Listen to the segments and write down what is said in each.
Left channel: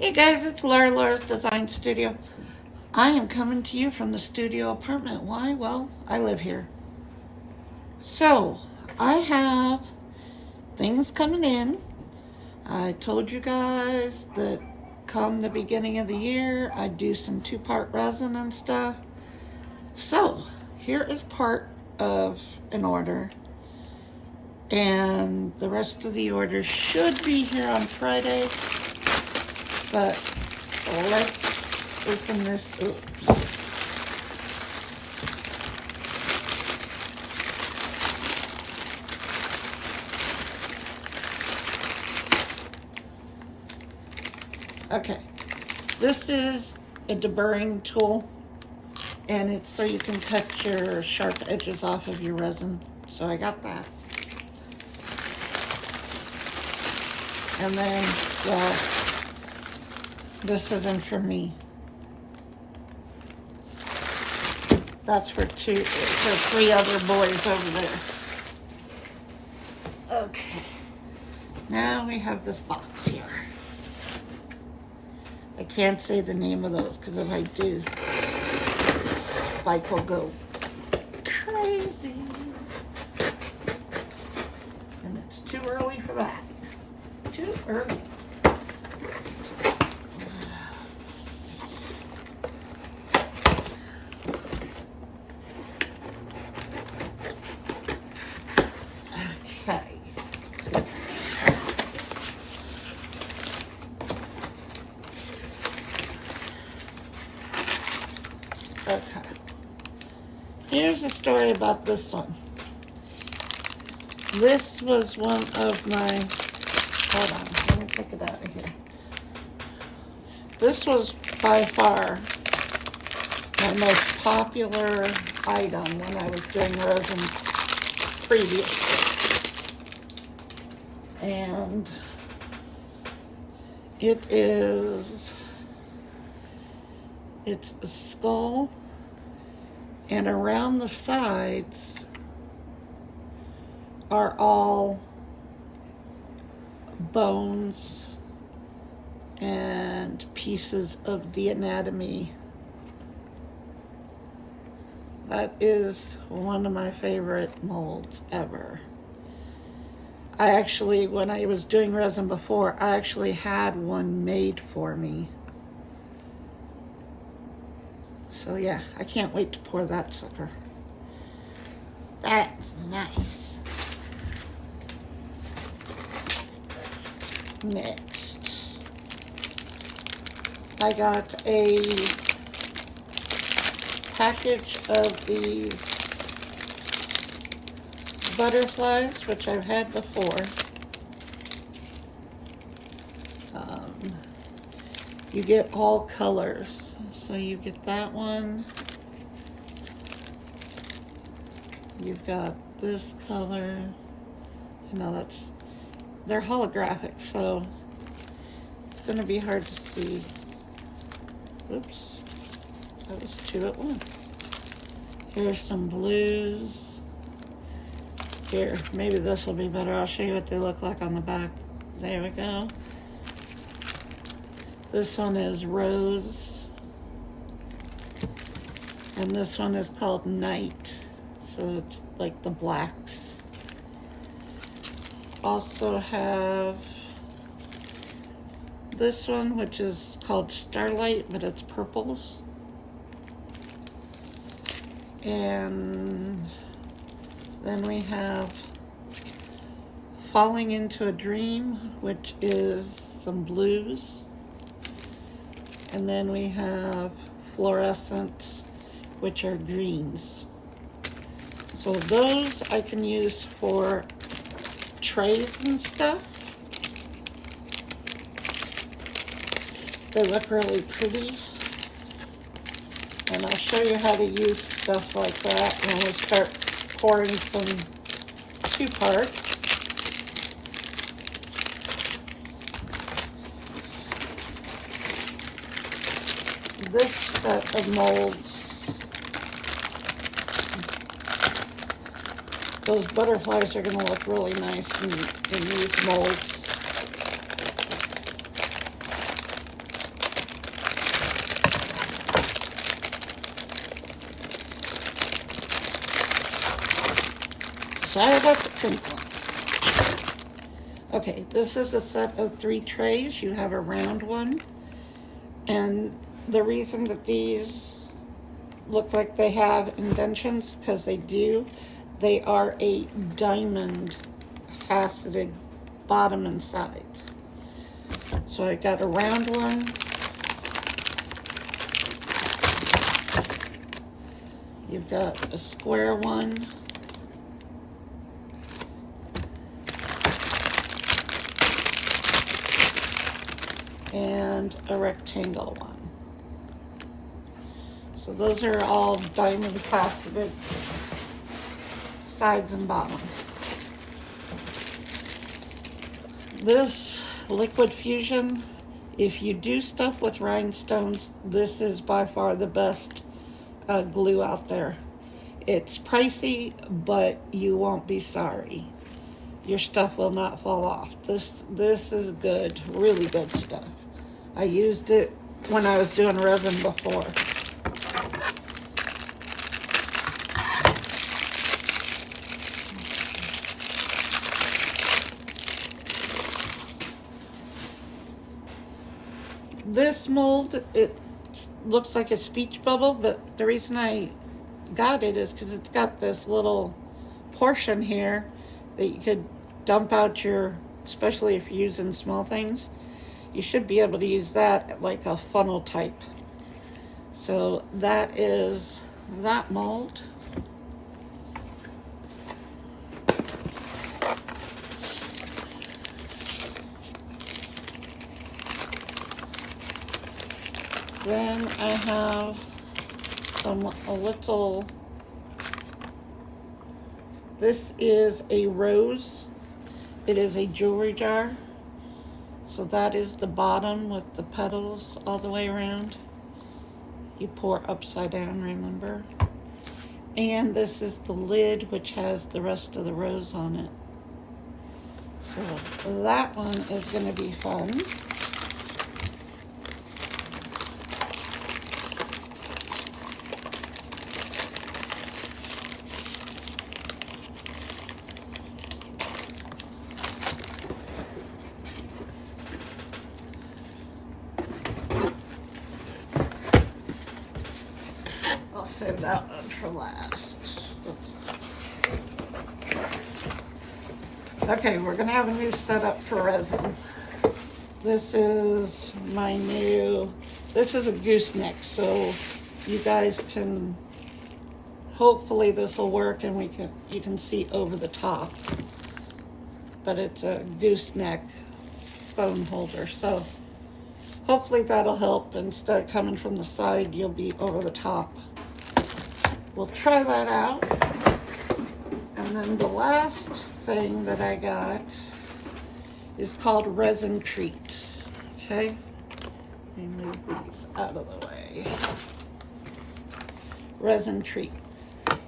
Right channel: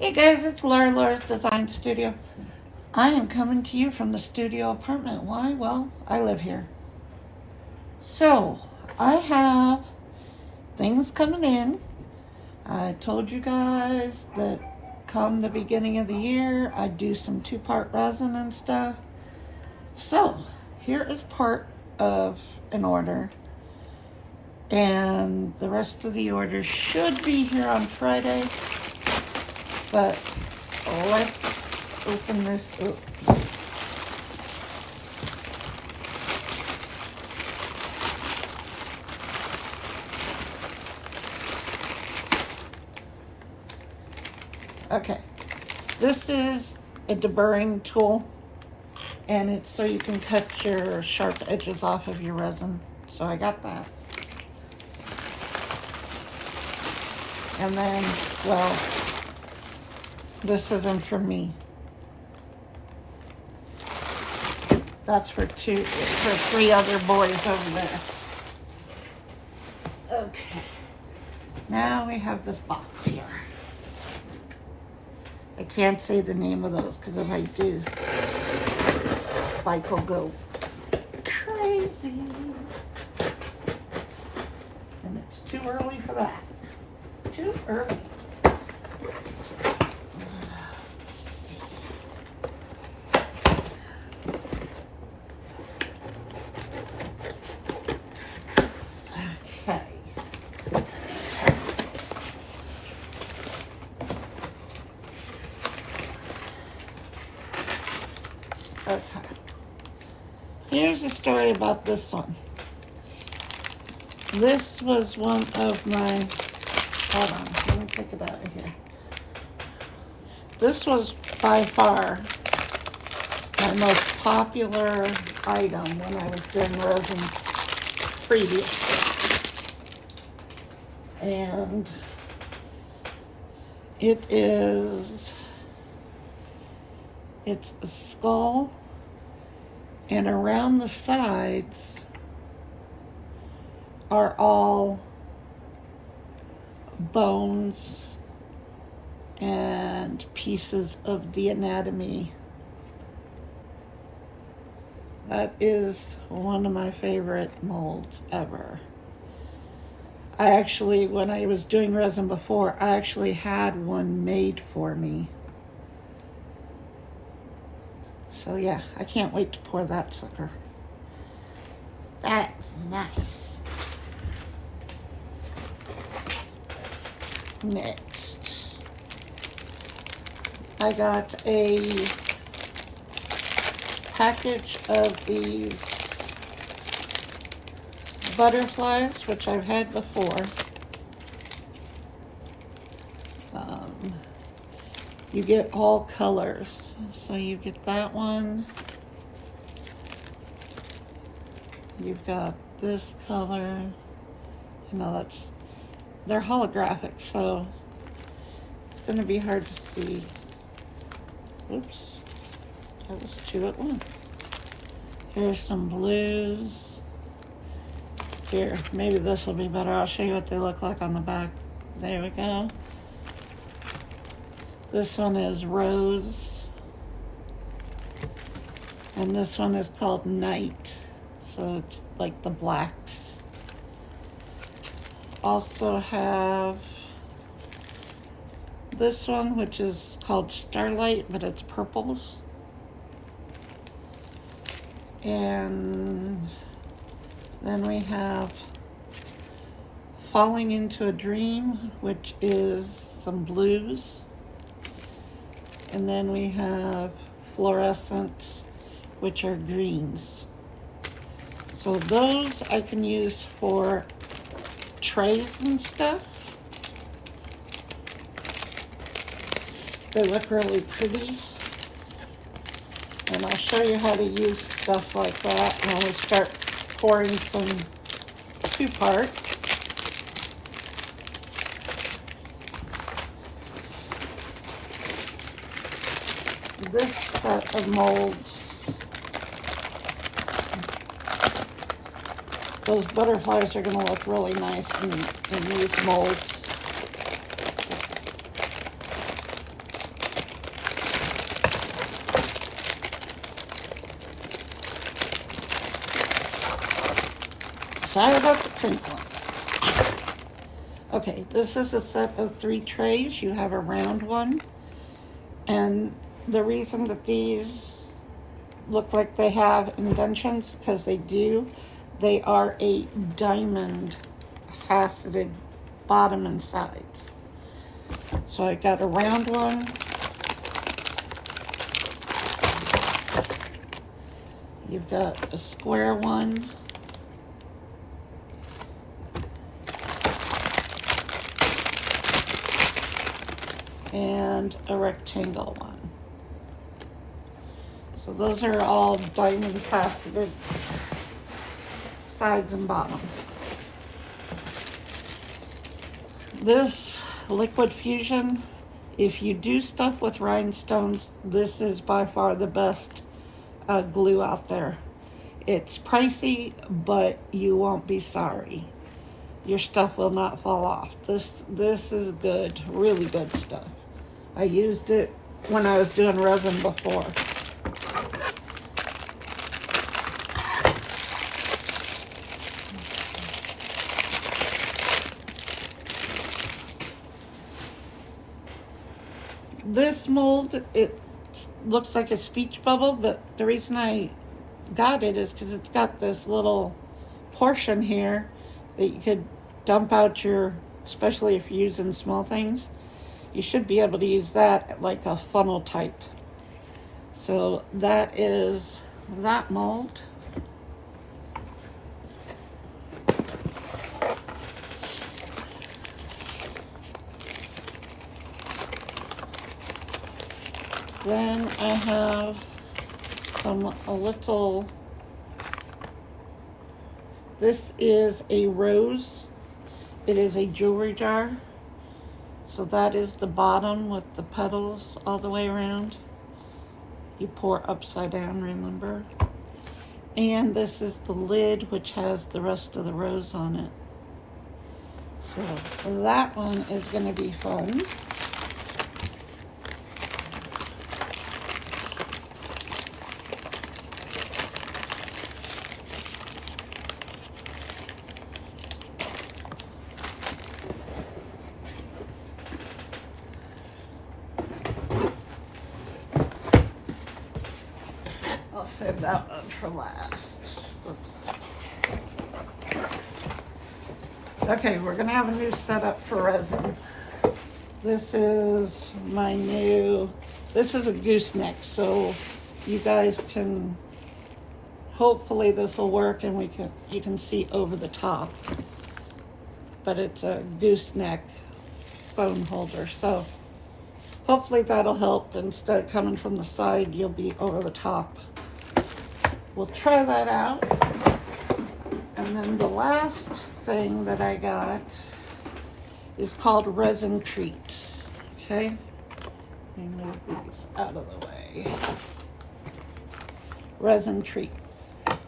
Hey guys, it's Laura's Design Studio. I am coming to you from the studio apartment. Why? Well, I live here. So, I have things coming in. I told you guys that come the beginning of the year, I'd do some 2-part resin and stuff. So, here is part of an order. And the rest of the order should be here on Friday. But let's open this up. Okay, this is a deburring tool, and it's so you can cut your sharp edges off of your resin. So I got that. And then, well, this isn't for me. That's for the 3 other boys over there. Okay, now we have this box here. I can't say the name of those because if I do, Spike will go crazy. And it's too early for that. Too early. Okay. Here's the story about this one. This was one of my, hold on, let me take it out of here. This was by far my most popular item when I was doing resin previously. And it's a skull, and around the sides are all bones and pieces of the anatomy. That is one of my favorite molds ever. I actually, when I was doing resin before, I actually had one made for me. So yeah, I can't wait to pour that sucker. That's nice. Next, I got a package of these butterflies, which I've had before. You get all colors. So you get that one. You've got this color. You know, they're holographic, so it's going to be hard to see. Oops, that was 2 at once. Here's some blues. Here, maybe this will be better. I'll show you what they look like on the back. There we go. This one is rose. And this one is called night. So it's like the blacks. Also have this one, which is called starlight, but it's purples. And then we have falling into a dream, which is some blues. And then we have fluorescent, which are greens. So those I can use for trays and stuff. They look really pretty. And I'll show you how to use stuff like that when we start pouring some 2-part. This set of molds, those butterflies are going to look really nice in these molds. Sorry about the crinkling. Okay, this is a set of 3 trays. You have a round one. And the reason that these look like they have indentions, because they do, they are a diamond faceted bottom and sides. So I got a round one. You've got a square one. And a rectangle one. So those are all diamond faceted sides and bottom. This Liquid Fusion, if you do stuff with rhinestones, this is by far the best glue out there. It's pricey, but you won't be sorry. Your stuff will not fall off. This is good, really good stuff. I used it when I was doing resin before. This mold, it looks like a speech bubble, but the reason I got it is because it's got this little portion here that you could dump out your, especially if you're using small things, you should be able to use that like a funnel type. So that is that mold. Then I have a little, this is a rose. It is a jewelry jar. So that is the bottom with the petals all the way around. You pour upside down, remember? And this is the lid, which has the rest of the rose on it. So that one is going to be fun. Save that one for last. Okay, we're gonna have a new setup for resin. This is my new, this is a gooseneck, so you guys can, hopefully this will work and you can see over the top. But it's a gooseneck phone holder, so hopefully that'll help. Instead of coming from the side, you'll be over the top. We'll try that out. And then the last thing that I got is called Resin Treat. Okay? Let me move these out of the way. Resin Treat.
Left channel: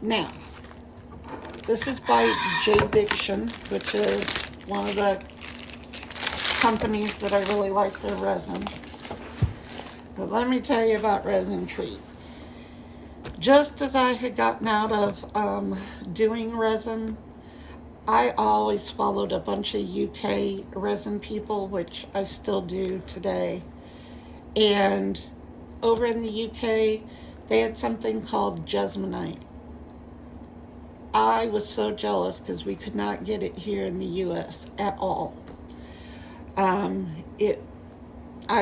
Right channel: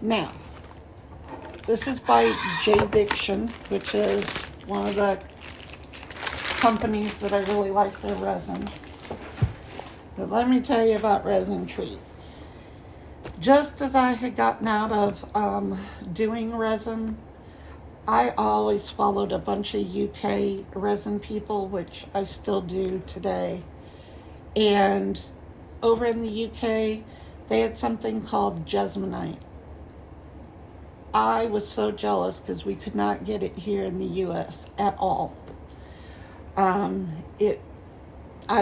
Now, this is by J. Diction, which is one of the companies that I really like their resin. But let me tell you about Resin Treat. Just as I had gotten out of doing resin, I always followed a bunch of UK resin people, which I still do today. And over in the UK, they had something called Jesmonite. I was so jealous because we could not get it here in the US at all. I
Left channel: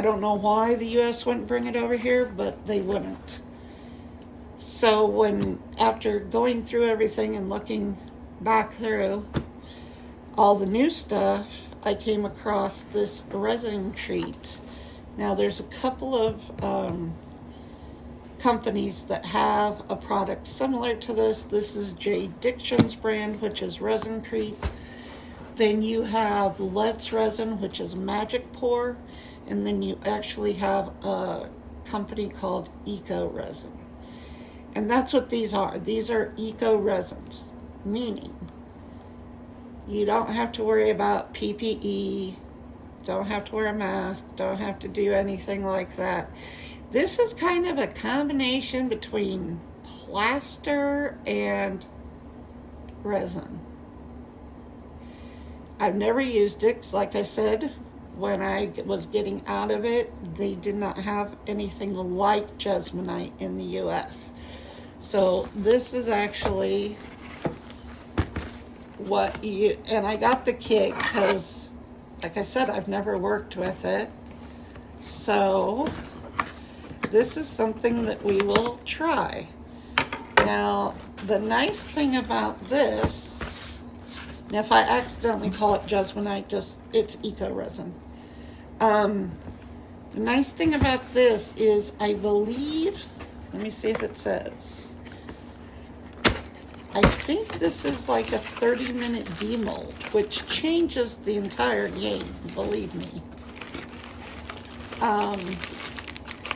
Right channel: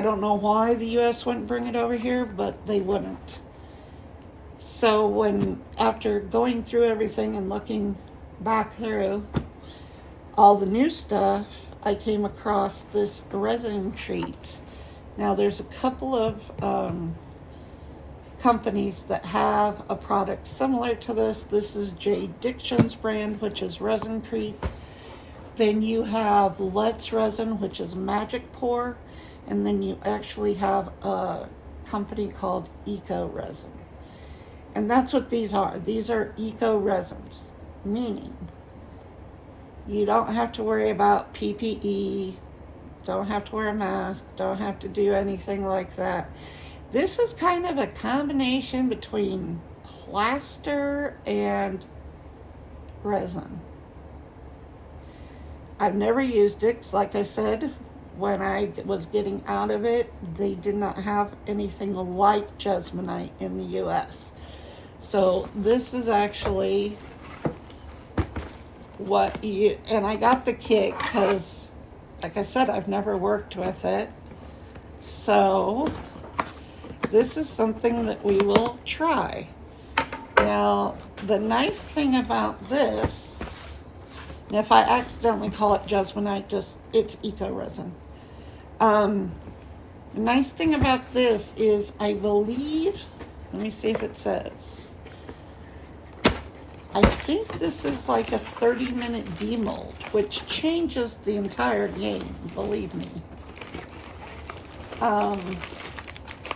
don't know why the US wouldn't bring it over here, but they wouldn't. So after going through everything and looking back through all the new stuff, I came across this Resin Treat. Now there's a couple of companies that have a product similar to this. This is J. Diction's brand, which is Resin Treat. Then you have Let's Resin, which is Magic Pour. And then you actually have a company called Eco Resin. And that's what these are. These are eco resins, meaning you don't have to worry about PPE, don't have to wear a mask, don't have to do anything like that. This is kind of a combination between plaster and resin. I've never used it 'cause like I said, when I was getting out of it, they did not have anything like Jesmonite in the US. So this is actually what you, and I got the kit because, like I said, I've never worked with it. So this is something that we will try. Now, the nice thing about this, if I accidentally call it Jesmonite, just it's eco resin. The nice thing about this is, I believe, let me see if it says, I think this is like a 30-minute demold, which changes the entire game, believe me.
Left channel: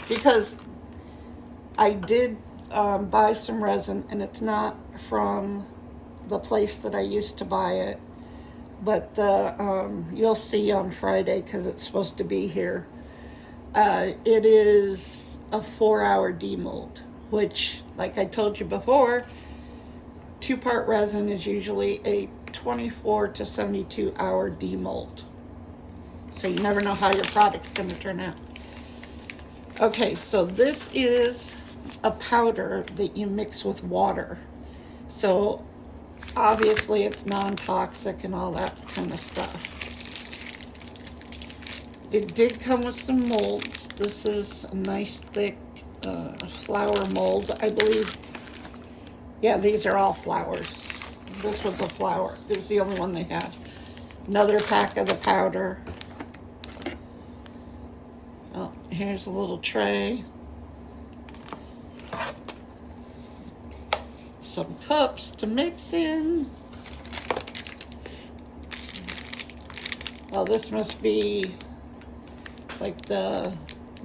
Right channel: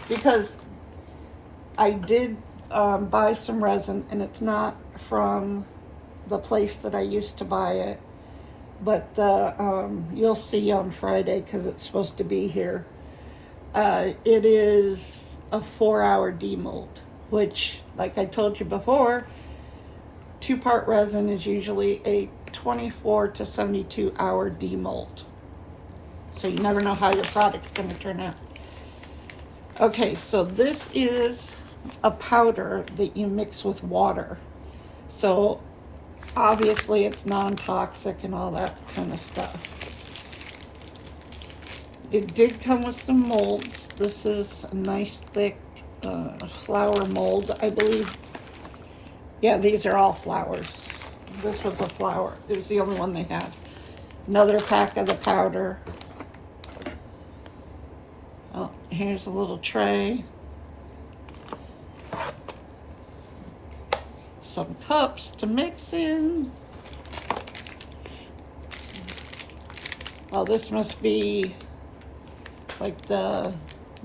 Because I did buy some resin, and it's not from the place that I used to buy it, but you'll see on Friday because it's supposed to be here. It is a 4-hour demold, which, like I told you before, 2-part resin is usually a 24 to 72 hour demold. So you never know how your product's going to turn out. Okay, so this is a powder that you mix with water. So obviously it's non-toxic and all that kind of stuff. It did come with some molds. This is a nice thick flower mold, I believe. Yeah, these are all flowers. This was a flower. It was the only one they had. Another pack of the powder. Oh, here's a little tray. Some cups to mix in. Oh, this must be like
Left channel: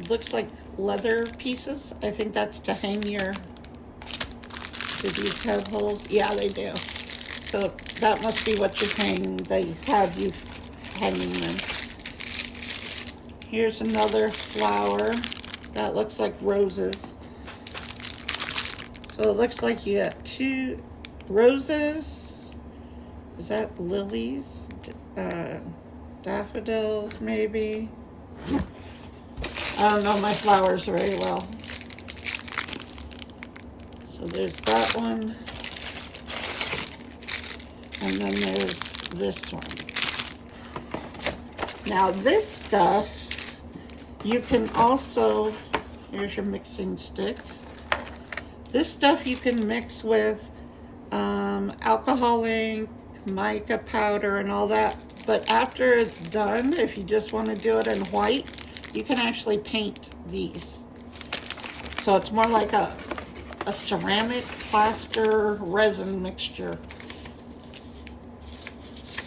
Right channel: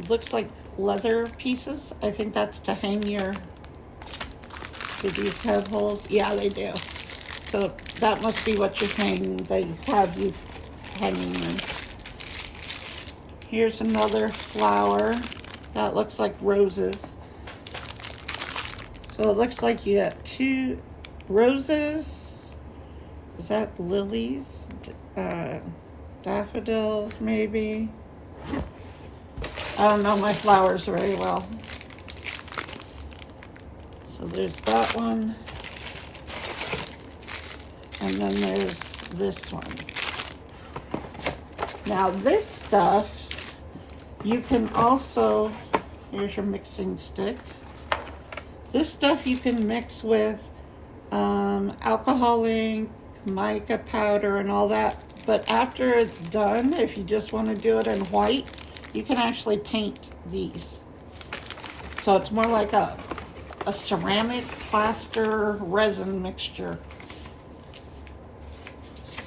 looks like leather pieces. I think that's to hang your, do these have holes? Yeah, they do. So that must be what you hang, they have you hanging in. Here's another flower. That looks like roses. So it looks like you got 2 roses. Is that lilies? Daffodils, maybe? I don't know my flowers very well. So there's that one. And then there's this one. Now this stuff, you can also, here's your mixing stick. This stuff you can mix with alcohol ink, mica powder, and all that. But after it's done, if you just want to do it in white, you can actually paint these. So it's more like a ceramic plaster resin mixture.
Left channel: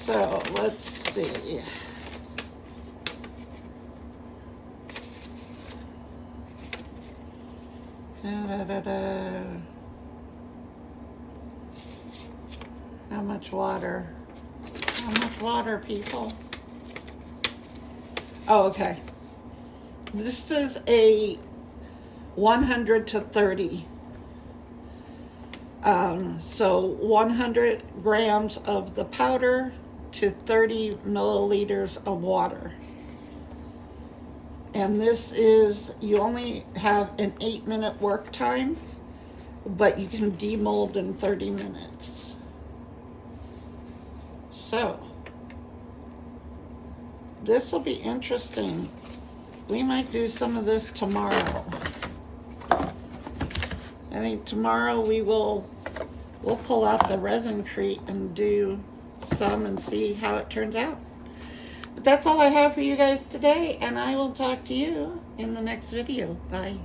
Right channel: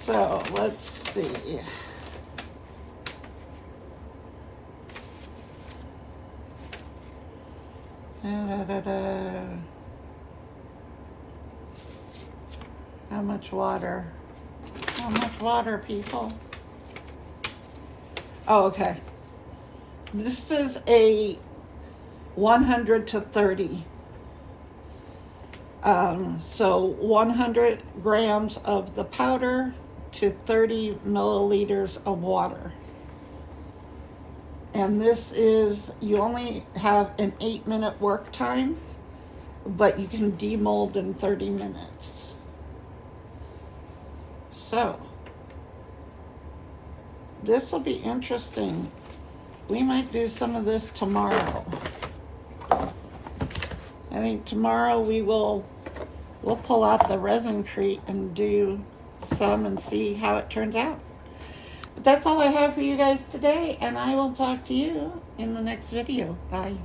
So let's see. How much water? How much water, people? Oh, okay. This is a 100 to 30. So 100 grams of the powder to 30 milliliters of water. And this is, you only have an 8-minute work time, but you can demold in 30 minutes. So, this will be interesting. We might do some of this tomorrow. I think tomorrow we'll pull out the resin crate and do some and see how it turns out. But that's all I have for you guys today, and I will talk to you in the next video. Bye.